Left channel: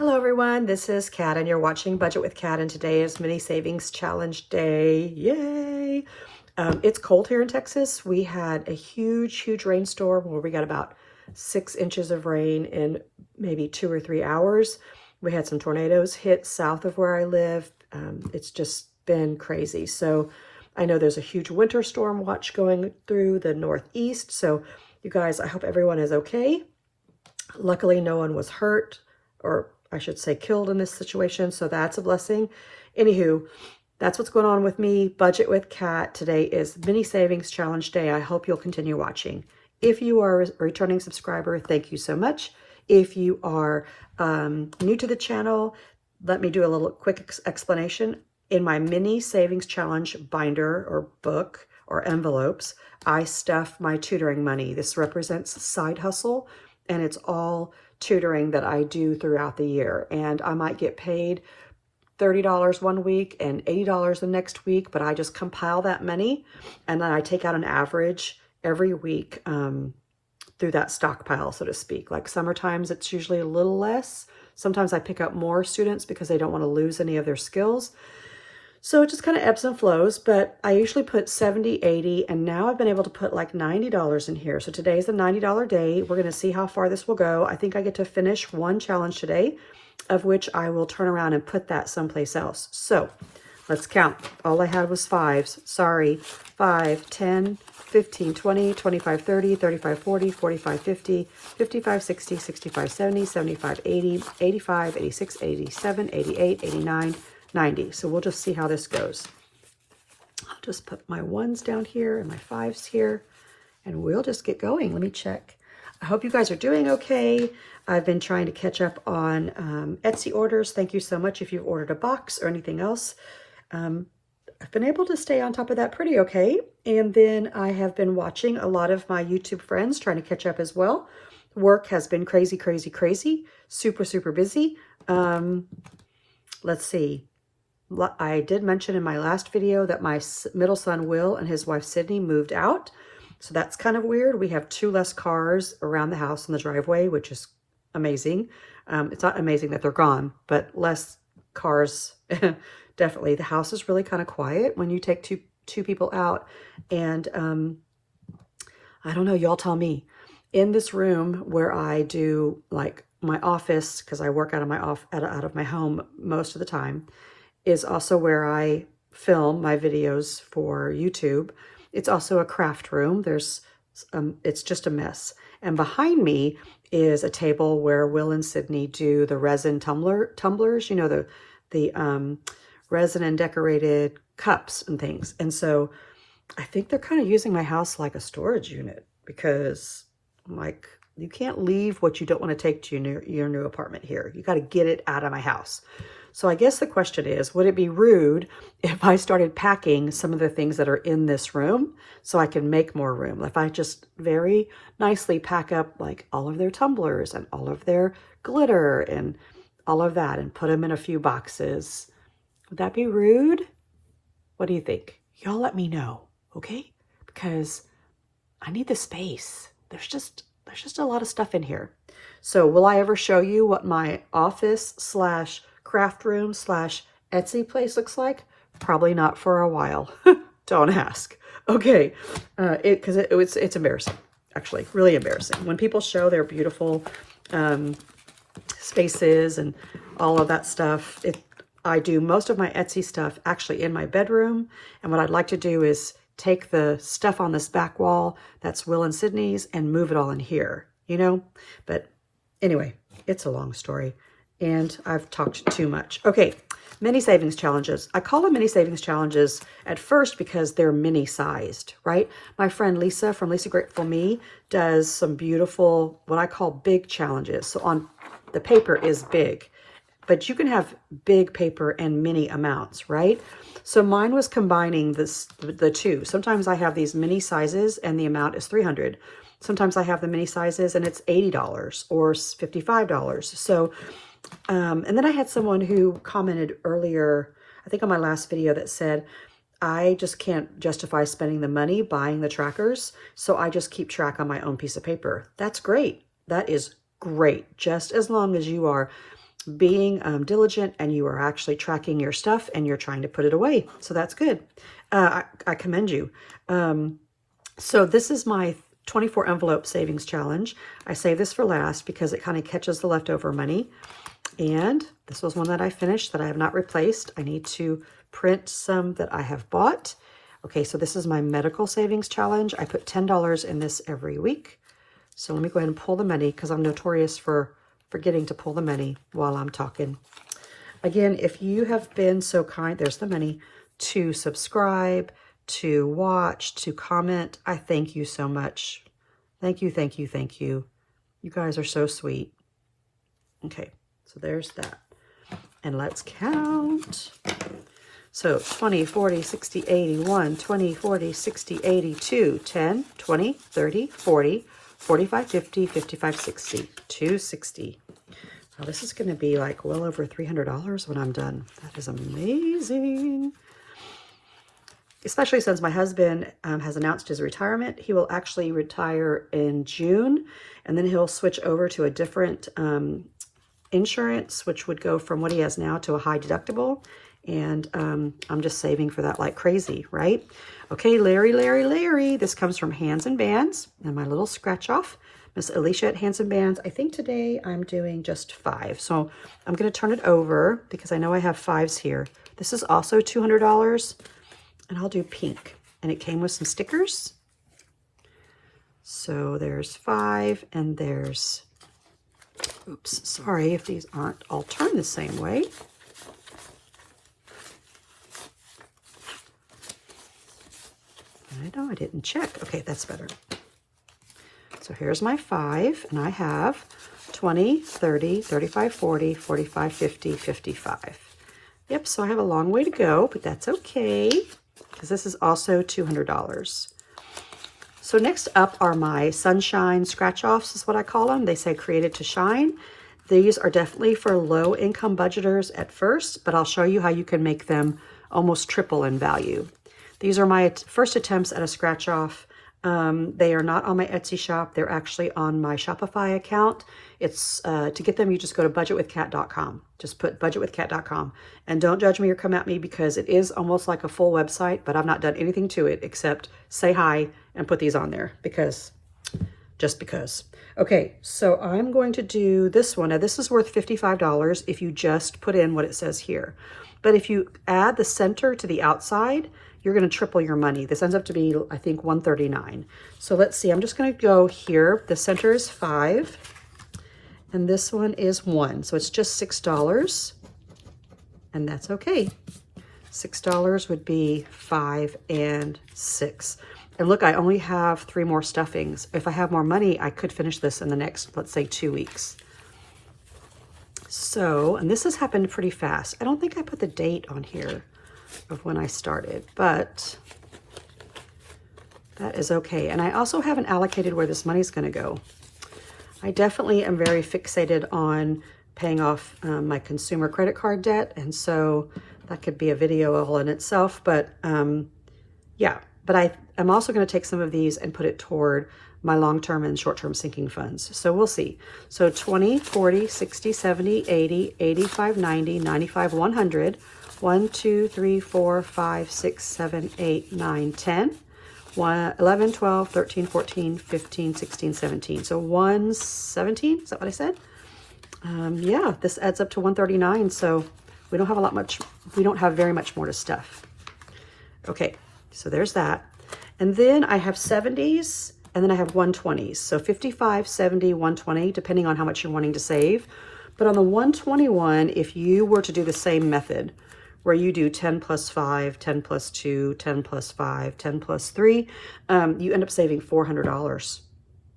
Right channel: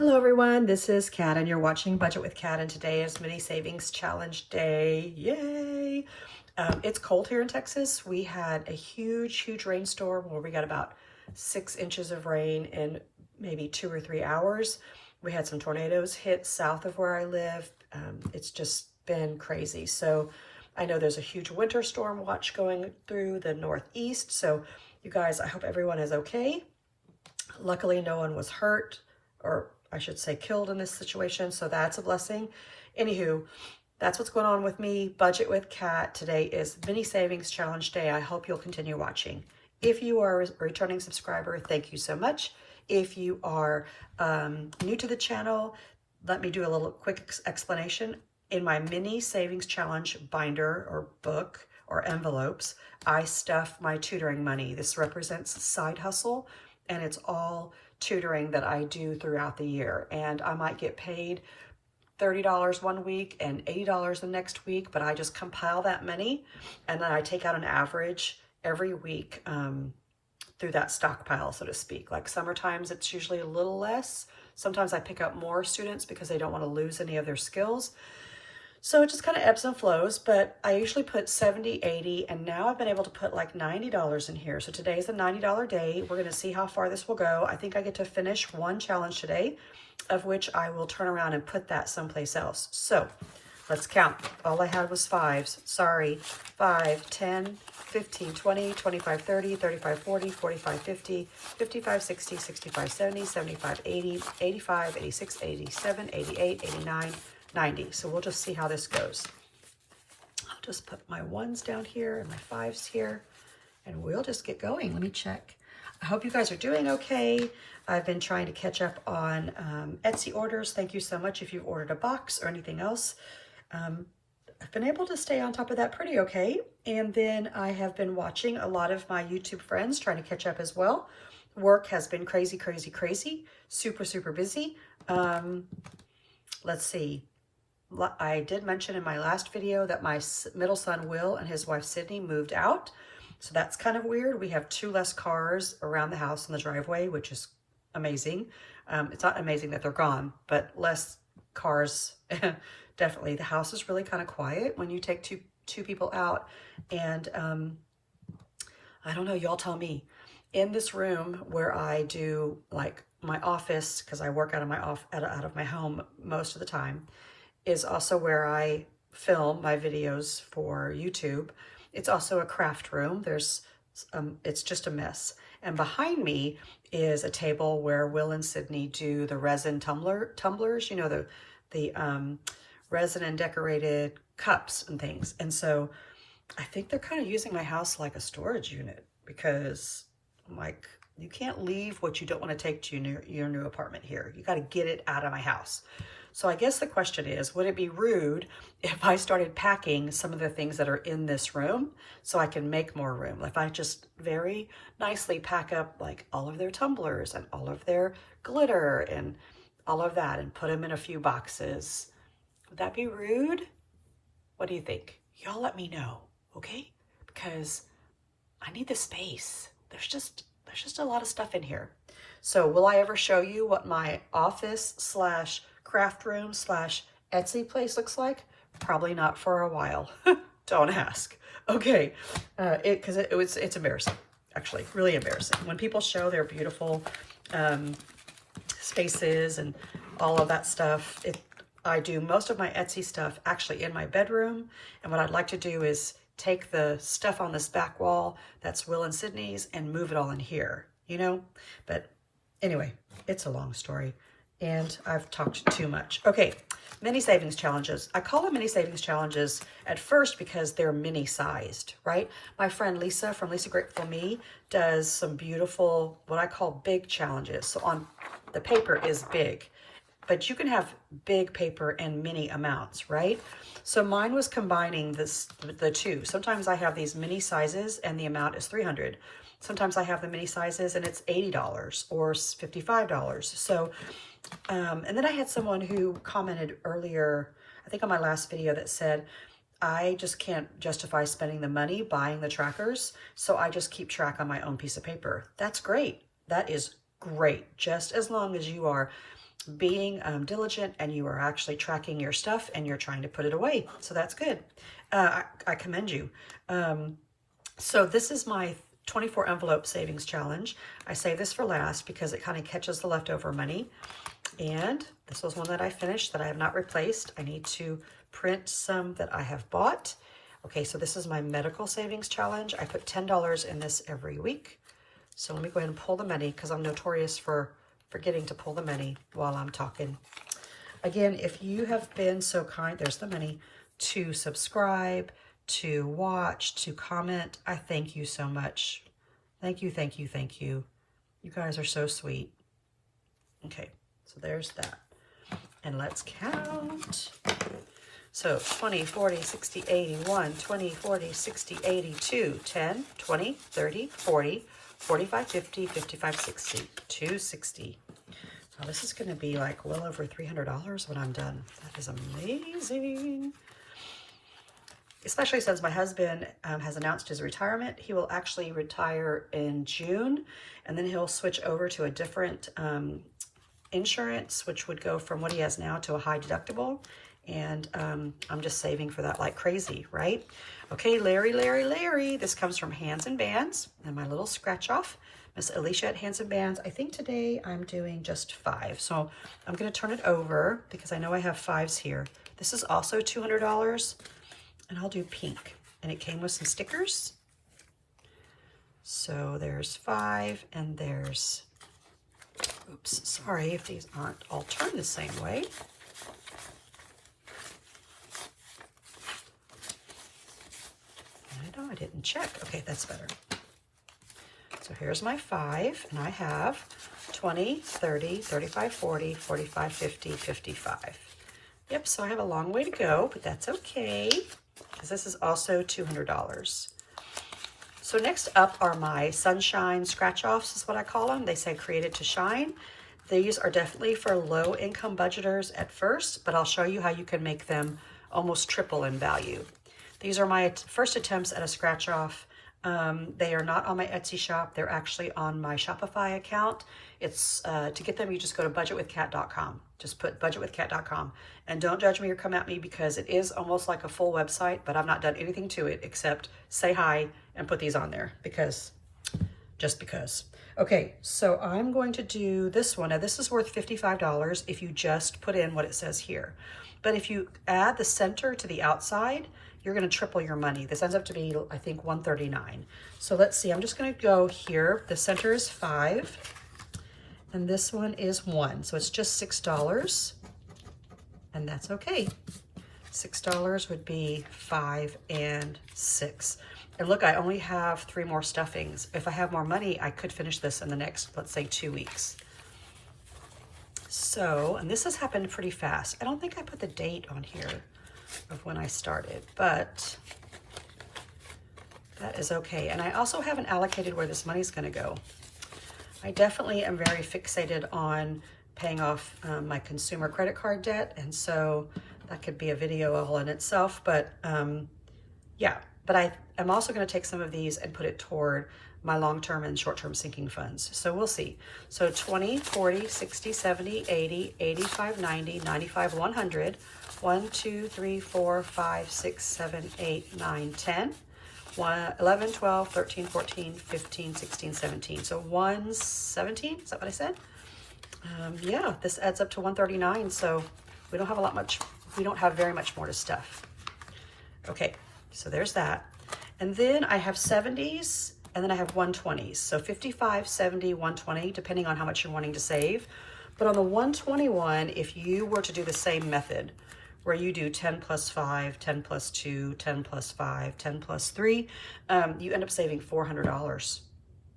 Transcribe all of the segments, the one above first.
Hello everyone, this is Kat and you're watching Budget with Kat, and today is Mini Savings Challenge Day. Yay! It's cold here in Texas. We had a huge rainstorm where we got about 6 inches of rain in maybe 2 or 3 hours. We had some tornadoes hit south of where I live. It's just been crazy. So I know there's a huge winter storm watch going through the Northeast. So you guys, I hope everyone is okay. Luckily, no one was hurt, or I should say killed in this situation, so that's a blessing. Anywho, that's what's going on with me. Budget with Kat. Today is Mini Savings Challenge Day. I hope you'll continue watching. If you are a returning subscriber, thank you so much. If you are new to the channel, let me do a little quick explanation. In my Mini Savings Challenge binder or book or envelopes, I stuff my tutoring money. This represents side hustle, and it's all tutoring that I do throughout the year. And I might get paid $30 one week and $80 the next week, but I just compile that money and then I take out an average every week through that stockpile, so to speak. Like summer times, it's usually a little less. Sometimes I pick up more students because they don't want to lose any of their skills. So it just kind of ebbs and flows, but I usually put 70, 80, and now I've been able to put like $90 in here. So today's a $90 day. We're going to see how far this will go. I think I get to finish one challenge today, of which I will turn around and put that someplace else. So let's count. All I had was fives. Sorry. 5, 10, 15, 20, 25, 30, 35, 40, 45, 50, 55, 60, 65, 70, 75, 80, 85, 86, 87, 88, 89, 90. So we'll just see how this goes. I'll just put my ones down here and my fives here, and we'll just get going. Let me check. I hope you guys are doing okay. I've been trying to catch up on Etsy orders. Thank you so much if you've ordered a box or anything else. I've been able to stay on top of that pretty okay. And then I have been watching a lot of my YouTube friends, trying to catch up as well. Work has been crazy, super busy. Let's see. I did mention in my last video that my middle son, Will, and his wife, Sydney, moved out. So that's kind of weird. We have 2 less cars around the house in the driveway, which is amazing. It's not amazing that they're gone, but less cars, definitely. The house is really kind of quiet when you take two people out. And I don't know, y'all tell me. In this room where I do like my office, because I work out of my home most of the time, is also where I film my videos for YouTube. It's also a craft room. It's just a mess. And behind me is a table where Will and Sydney do the resin tumblers, you know, the resin and decorated cups and things. And so I think they're kind of using my house like a storage unit, because like, you can't leave what you don't want to take to your new apartment here. You got to get it out of my house. So I guess the question is, would it be rude if I started packing some of the things that are in this room so I can make more room? If I just very nicely pack up like all of their tumblers and all of their glitter and all of that and put them in a few boxes, would that be rude? What do you think? Y'all let me know, okay? Because I need the space. There's just a lot of stuff in here. So will I ever show you what my office / craft room / Etsy place looks like? Probably not for a while. Don't ask. Okay, because it's embarrassing, actually, really embarrassing. When people show their beautiful spaces and all of that stuff, I do most of my Etsy stuff actually in my bedroom. And what I'd like to do is take the stuff on this back wall that's Will and Sydney's and move it all in here, you know? But anyway, it's a long story and I've talked too much. Okay, mini savings challenges. I call them mini savings challenges at first because they're mini sized, right? My friend Lisa from Lisa Grateful Me does some beautiful, what I call big challenges. So on the paper is big, but you can have big paper and mini amounts, right? So mine was combining the two. Sometimes I have these mini sizes and the amount is $300. Sometimes I have the mini sizes and it's $80 or $55. So, and then I had someone who commented earlier, I think on my last video, that said, I just can't justify spending the money buying the trackers, so I just keep track on my own piece of paper. That's great. That is great, just as long as you are being diligent, and you are actually tracking your stuff and you're trying to put it away. So that's good. I commend you. So this is my 24 envelope savings challenge. I save this for last because it kind of catches the leftover money. And this was one that I finished that I have not replaced. I need to print some that I have bought. Okay, so this is my medical savings challenge. I put $10 in this every week. So let me go ahead and pull the money because I'm notorious for forgetting to pull the money while I'm talking. Again, if you have been so kind, there's the money, to subscribe, to watch, to comment, I thank you so much. Thank you, thank you, thank you. You guys are so sweet. Okay, so there's that. And let's count. So 20, 40, 60, 80, 1, 20, 40, 60, 82, 10, 20, 30, 40, 45, 50, 55, 60, 260. So this is going to be like well over $300 when I'm done. That is amazing. Especially since my husband has announced his retirement. He will actually retire in June, and then he'll switch over to a different insurance, which would go from what he has now to a high deductible. And I'm just saving for that like crazy, right? Okay, Larry. This comes from Hands and Bands and my little scratch off. Miss Alicia at Hands and Bands. I think today I'm doing just 5. So I'm going to turn it over because I know I have 5s here. This is also $200, and I'll do pink. And it came with some stickers. So there's 5, and there's, oops, sorry if these aren't all turned the same way. I know I didn't check. Okay, that's better. So here's my 5, and I have 20, 30, 35, 40, 45, 50, 55. Yep, so I have a long way to go, but that's okay, because this is also $200. So next up are my sunshine scratch-offs, is what I call them. They say created to shine. These are definitely for low-income budgeters at first, but I'll show you how you can make them almost triple in value. These are my first attempts at a scratch-off. They are not on my Etsy shop. They're actually on my Shopify account. It's to get them, you just go to budgetwithcat.com. Just put budgetwithcat.com. And don't judge me or come at me because it is almost like a full website, but I've not done anything to it except say hi and put these on there just because. Okay, so I'm going to do this one. Now, this is worth $55 if you just put in what it says here. But if you add the center to the outside, you're going to triple your money. This ends up to be, I think, $139. So let's see. I'm just going to go here. The center is 5, and this one is 1. So it's just $6, and that's okay. $6 would be 5 and 6. And look, I only have 3 more stuffings. If I have more money, I could finish this in the next, let's say, 2 weeks. So, and this has happened pretty fast. I don't think I put the date on here of when I started, but that is okay. And I also haven't allocated where this money is going to go. I definitely am very fixated on paying off my consumer credit card debt, and so that could be a video all in itself, but yeah. But I'm also going to take some of these and put it toward my long-term and short-term sinking funds. So we'll see. So 20, 40, 60, 70, 80, 85, 90, 95, 100, 1, 2, 3, 4, 5, 6, 7, 8, 9, 10, 11, 12, 13, 14, 15, 16, 17. So 117, is that what I said? Yeah, this adds up to 139. So we don't have very much more to stuff. Okay, so there's that. And then I have 70s, and then I have 120s. So 55, 70, 120, depending on how much you're wanting to save. But on the 121, if you were to do the same method, where you do 10 plus 5, 10 plus 2, 10 plus 5, 10 plus 3, you end up saving $400.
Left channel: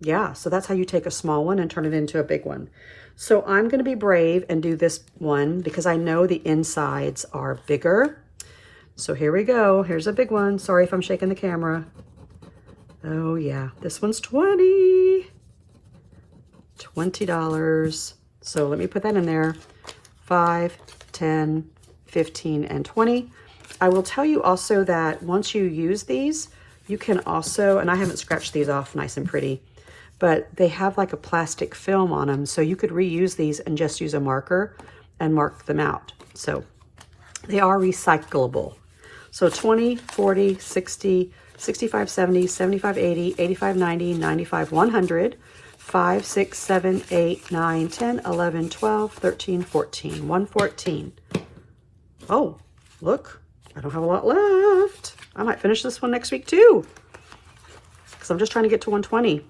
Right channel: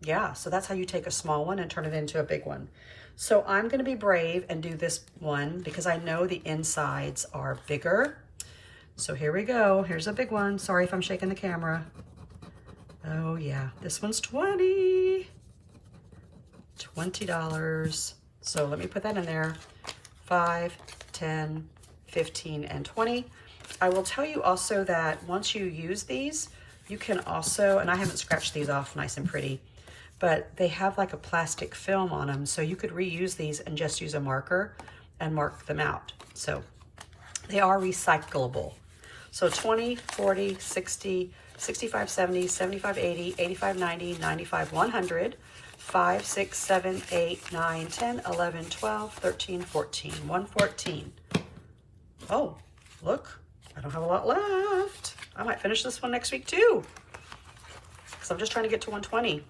Yeah, so that's how you take a small one and turn it into a big one. So I'm going to be brave and do this one because I know the insides are bigger. So here we go. Here's a big one. Sorry if I'm shaking the camera. Oh yeah, this one's $20. So let me put that in there. 5, 10, 15, and 20. I will tell you also that once you use these, you can also, and I haven't scratched these off nice and pretty, but they have like a plastic film on them. So you could reuse these and just use a marker and mark them out. So they are recyclable. So 20, 40, 60, 65, 70, 75, 80, 85, 90, 95, 100, 5, 6, 7, 8, 9, 10, 11, 12, 13, 14, 114. Oh, look, I don't have a lot left. I might finish this one next week too, because I'm just trying to get to 120.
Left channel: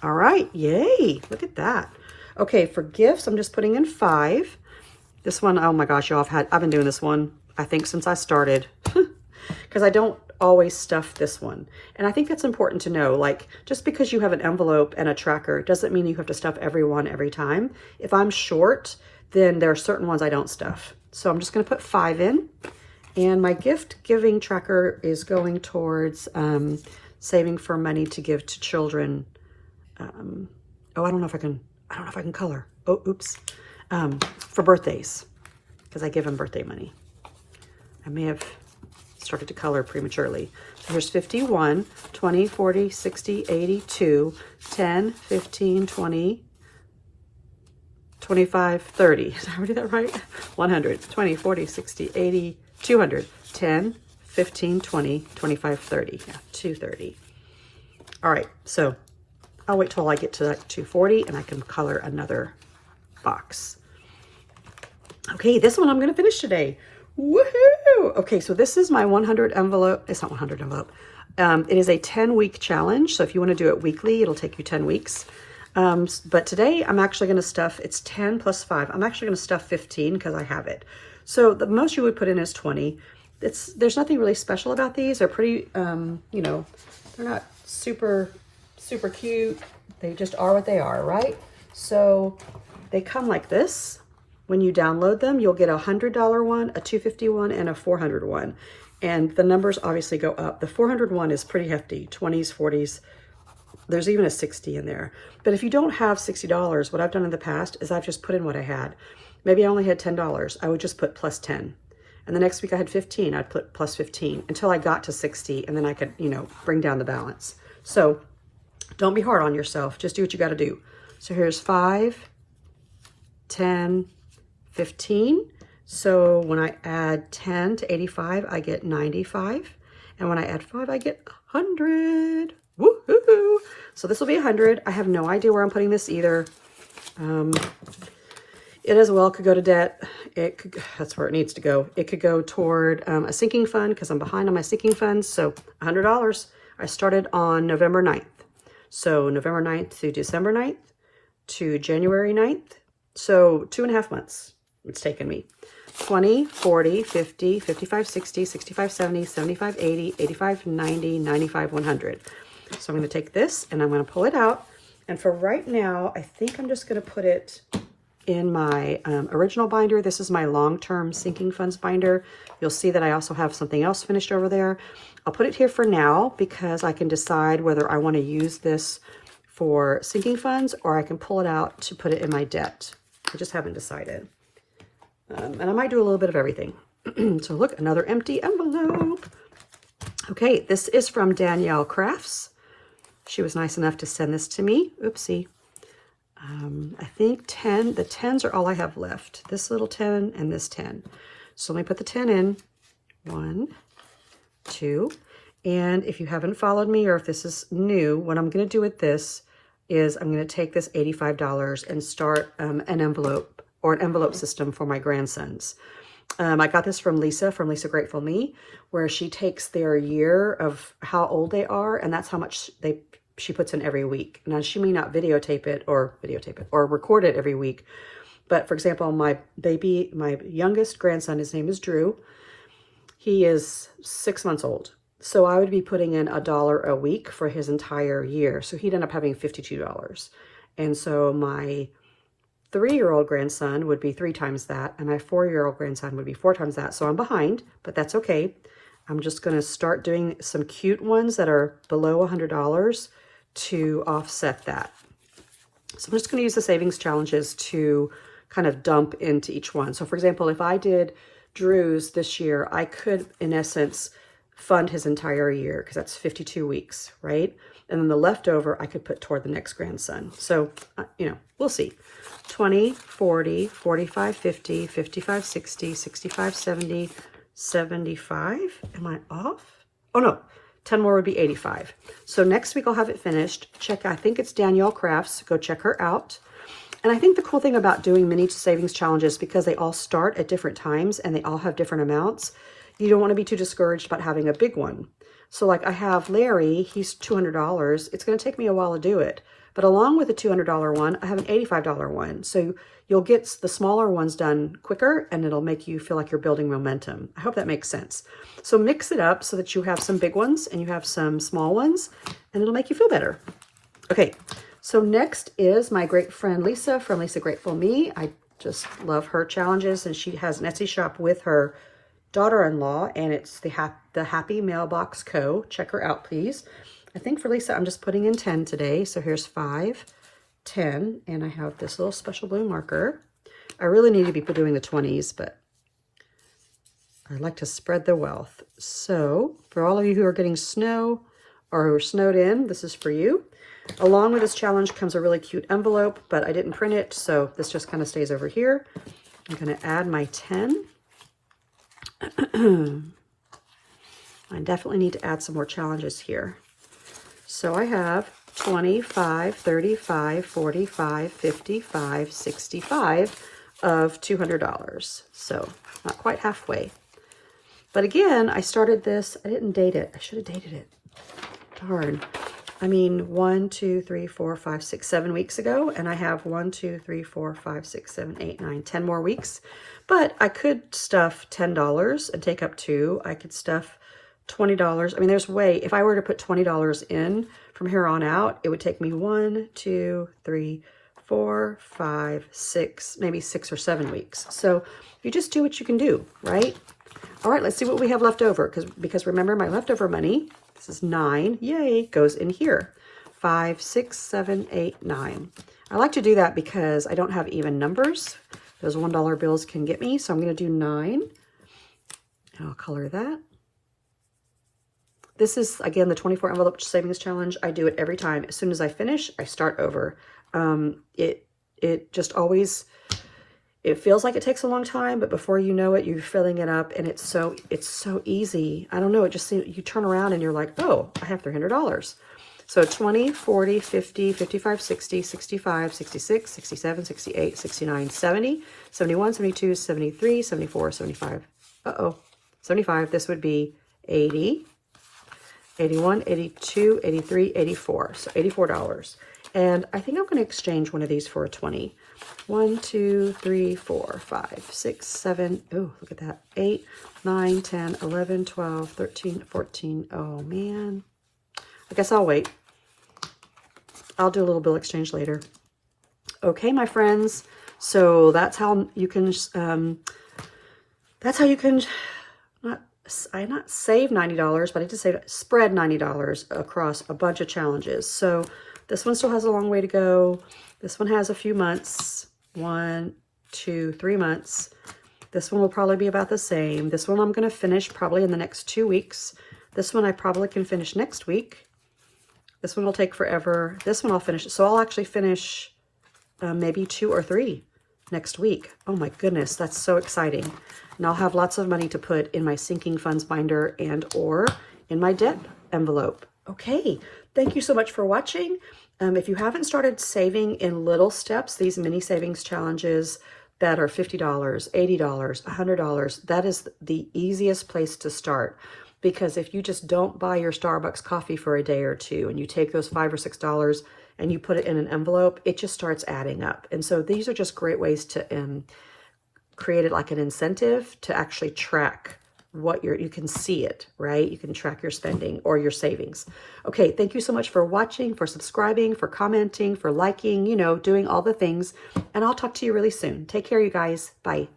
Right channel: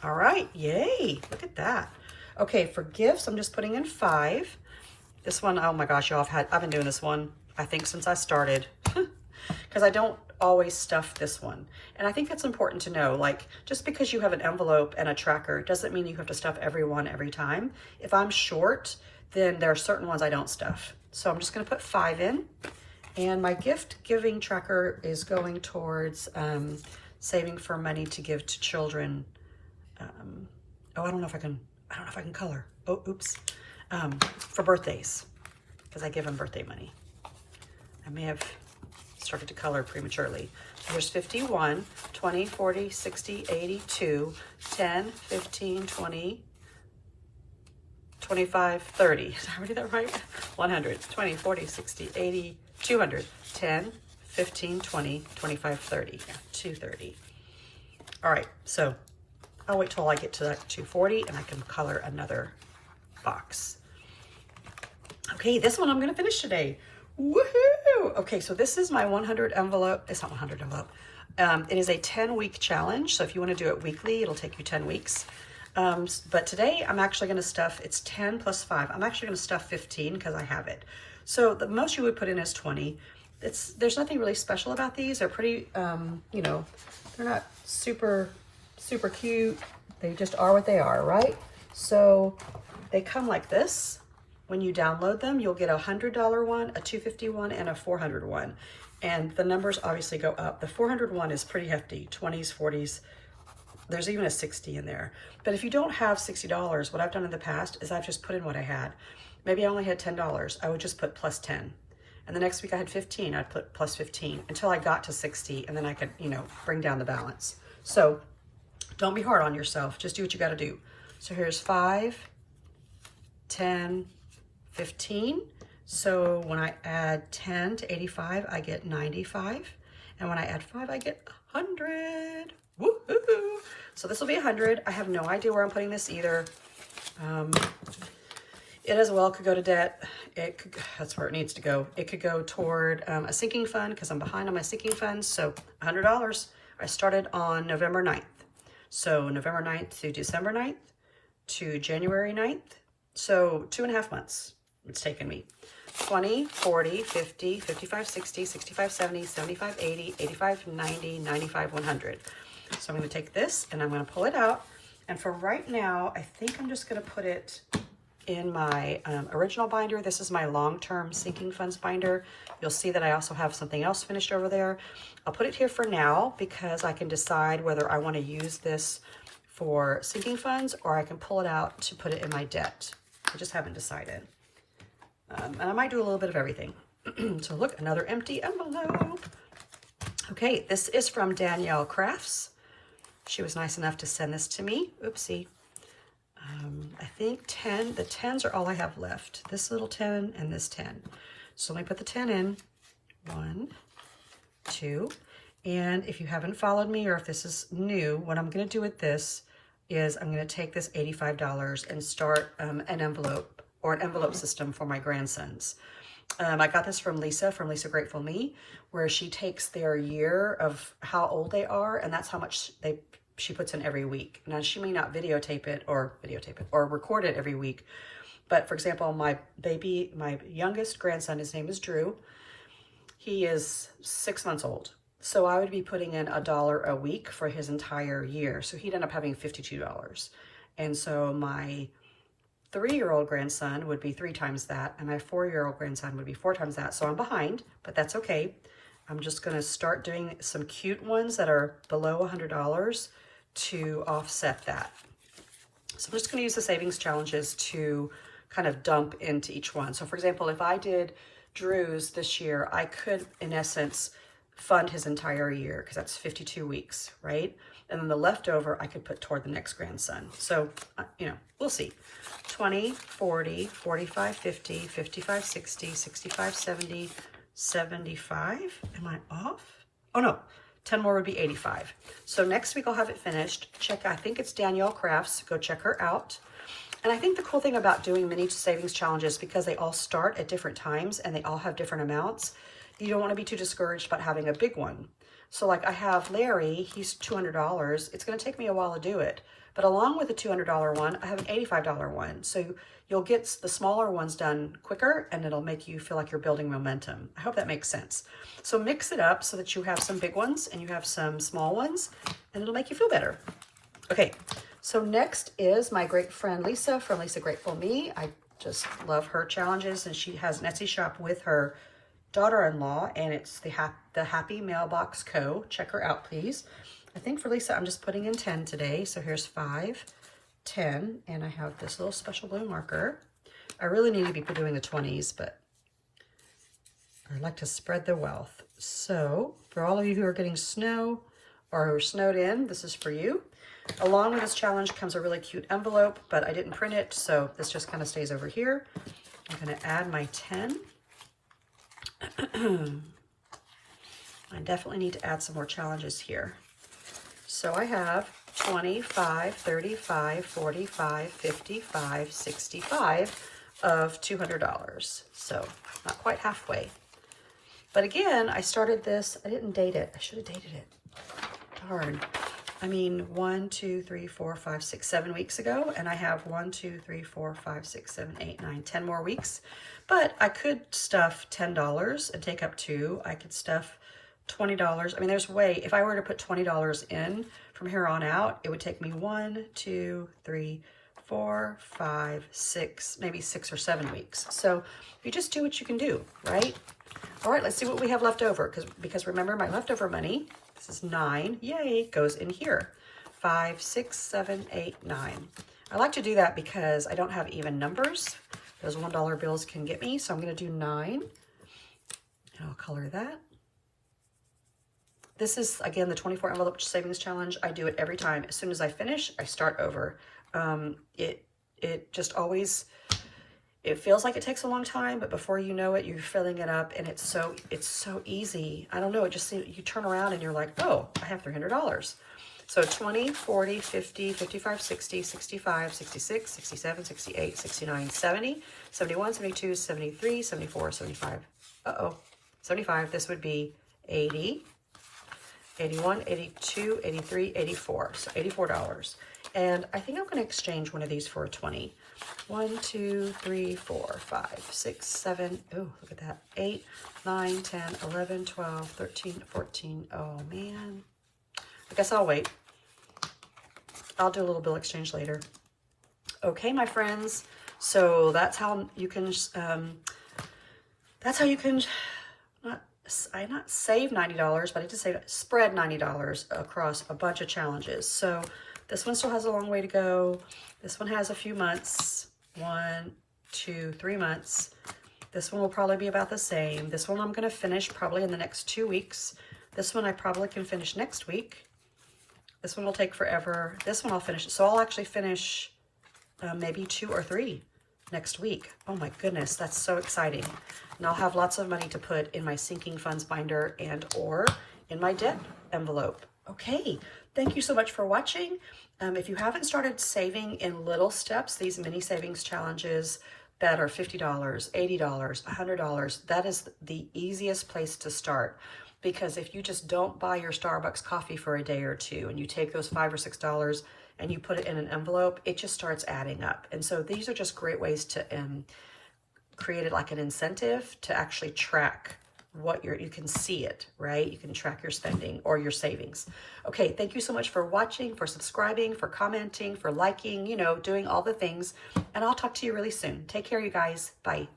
All right, yay, look at that. Okay, for gifts, I'm just putting in 5. This one, oh my gosh, y'all, I've been doing this one, I think, since I started, because I don't always stuff this one. And I think that's important to know. Like, just because you have an envelope and a tracker doesn't mean you have to stuff every one every time. If I'm short, then there are certain ones I don't stuff. So I'm just going to put 5 in. And my gift giving tracker is going towards saving for money to give to children. Oh, I don't know if I can color. Oh, oops. For birthdays, because I give them birthday money. I may have started to color prematurely. Here's 51, 20, 40, 60, 82, 10, 15, 20, 25, 30. Did I do that right? 100, 20, 40, 60, 80, 200, 10, 15, 20, 25, 30. Yeah, 230. All right, so I'll wait till I get to 240 and I can color another box. Okay, this one I'm going to finish today. Woohoo! Okay, so this is my 100 envelope. It's not 100 envelope. It is a 10-week challenge. So if you want to do it weekly, it'll take you 10 weeks. But today I'm actually going to stuff, it's 10 plus 5. I'm actually going to stuff 15 because I have it. So the most you would put in is 20. There's nothing really special about these. They're pretty, you know, they're not super cute. They just are what they are, right? So they come like this. When you download them, you'll get a $100 one, a $250 one, and a $400 one. And the numbers obviously go up. The $400 one is pretty hefty, 20s, 40s. There's even a 60 in there. But if you don't have $60, what I've done in the past is I've just put in what I had. Maybe I only had $10. I would just put plus 10. And the next week I had 15, I'd put plus 15 until I got to 60, and then I could, you know, bring down the balance. So don't be hard on yourself. Just do what you got to do. So here's 5, 10, 15. So when I add 10 to 85, I get 95. And when I add 5, I get 100. Woohoo! So this will be 100. I have no idea where I'm putting this either. It as well could go to debt. That's where it needs to go. It could go toward a sinking fund because I'm behind on my sinking funds. So $100. I started on November 9th. So November 9th to December 9th to January 9th. So 2.5 months it's taken me. 20, 40, 50, 55, 60, 65, 70, 75, 80, 85, 90, 95, 100. So I'm going to take this and I'm going to pull it out. And for right now, I think I'm just going to put it in my original binder. This is my long-term sinking funds binder. You'll see that I also have something else finished over there. I'll put it here for now because I can decide whether I want to use this for sinking funds or I can pull it out to put it in my debt. I just haven't decided. And I might do a little bit of everything. So look, another empty envelope. Okay, this is from Danielle Crafts. She was nice enough to send this to me. Oopsie. I think the 10s are all I have left. This little 10 and this 10. So let me put the 10 in. 1, 2. And if you haven't followed me or if this is new, what I'm going to do with this is I'm going to take this $85 and start an envelope or an envelope system for my grandsons. I got this from Lisa Grateful Me, where she takes their year of how old they are, and that's how much she puts in every week. Now, she may not videotape it or record it every week. But for example, my youngest grandson, his name is Drew. He is 6 months old. So I would be putting in $1 a week for his entire year. So he'd end up having $52. And so my 3-year-old grandson would be 3 times that, and my 4-year-old grandson would be 4 times that. So I'm behind, but that's okay. I'm just going to start doing some cute ones that are below $100 to offset that. So I'm just going to use the savings challenges to kind of dump into each one. So for example, if I did Drew's this year, I could, in essence, fund his entire year because that's 52 weeks, right? And then the leftover I could put toward the next grandson. So, you know, we'll see. 20, 40, 45, 50, 55, 60, 65, 70, 75. Am I off? Oh no, 10 more would be 85. So next week I'll have it finished. Check, I think it's Danielle Crafts. Go check her out. And I think the cool thing about doing mini savings challenges, because they all start at different times and they all have different amounts, you don't want to be too discouraged about having a big one. So like I have Larry, he's $200. It's going to take me a while to do it. But along with the $200 one, I have an $85 one. So you'll get the smaller ones done quicker and it'll make you feel like you're building momentum. I hope that makes sense. So mix it up so that you have some big ones and you have some small ones and it'll make you feel better. Okay, so next is my great friend Lisa from Lisa Grateful Me. I just love her challenges, and she has an Etsy shop with her daughter-in-law, and it's the Happy Mailbox Co. Check her out, please. I think for Lisa, I'm just putting in 10 today. So here's 5, 10, and I have this little special blue marker. I really need to be doing the 20s, but I like to spread the wealth. So for all of you who are getting snow or who are snowed in, this is for you. Along with this challenge comes a really cute envelope, but I didn't print it, so this just kind of stays over here. I'm going to add my 10. I definitely need to add some more challenges here. So I have 25, 35, 45, 55, 65 of $200. So not quite halfway. But again, I started this, I didn't date it. I should have dated it. Darn. I mean, 1, 2, 3, 4, 5, 6, 7 weeks ago, and I have 1, 2, 3, 4, 5, 6, 7, 8, 9, 10 more weeks. But I could stuff $10 and take up 2. I could stuff $20. I mean, there's way, if I were to put $20 in from here on out, it would take me 1, 2, 3, 4, 5, 6, maybe 6 or 7 weeks. So you just do what you can do, right? All right, let's see what we have left over, because remember, my leftover money, this is 9, yay, goes in here. 5, 6, 7, 8, 9. I like to do that because I don't have even numbers. Those $1 bills can get me, so I'm going to do 9. And I'll color that. This is, again, the 24 envelope savings challenge. I do it every time. As soon as I finish, I start over. It just always, it feels like it takes a long time, but before you know it, you're filling it up, and it's so easy. I don't know, it just seems, you turn around and you're like, oh, I have $300. So 20, 40, 50, 55, 60, 65, 66, 67, 68, 69, 70, 71, 72, 73, 74, 75. 75. This would be 80, 81, 82, 83, 84. So $84. And I think I'm going to exchange one of these for a 20. 1, 2, 3, 4, 5, 6, 7. Oh, look at that. 8, 9, 10, 11, 12, 13, 14. Oh, man. I guess I'll wait. I'll do a little bill exchange later. Okay, my friends. So that's how you can, not save $90, but I just say spread $90 across a bunch of challenges. So this one still has a long way to go. This one has a few months, 1, 2, 3 months. This one will probably be about the same. This one I'm going to finish probably in the next 2 weeks. This one I probably can finish next week. This one will take forever. This one I'll finish. So I'll actually finish maybe 2 or 3 next week. Oh my goodness, that's so exciting. And I'll have lots of money to put in my sinking funds binder and or in my debt envelope. Okay, thank you so much for watching. If you haven't started saving in little steps, these mini savings challenges that are $50, $80, $100, that is the easiest place to start. Because if you just don't buy your Starbucks coffee for a day or two and you take those $5 or $6 and you put it in an envelope, it just starts adding up. And so these are just great ways to create it like an incentive to actually track what you can see it, right? You can track your spending or your savings. Okay, thank you so much for watching, for subscribing, for commenting, for liking, doing all the things. And I'll talk to you really soon. Take care, you guys. Bye.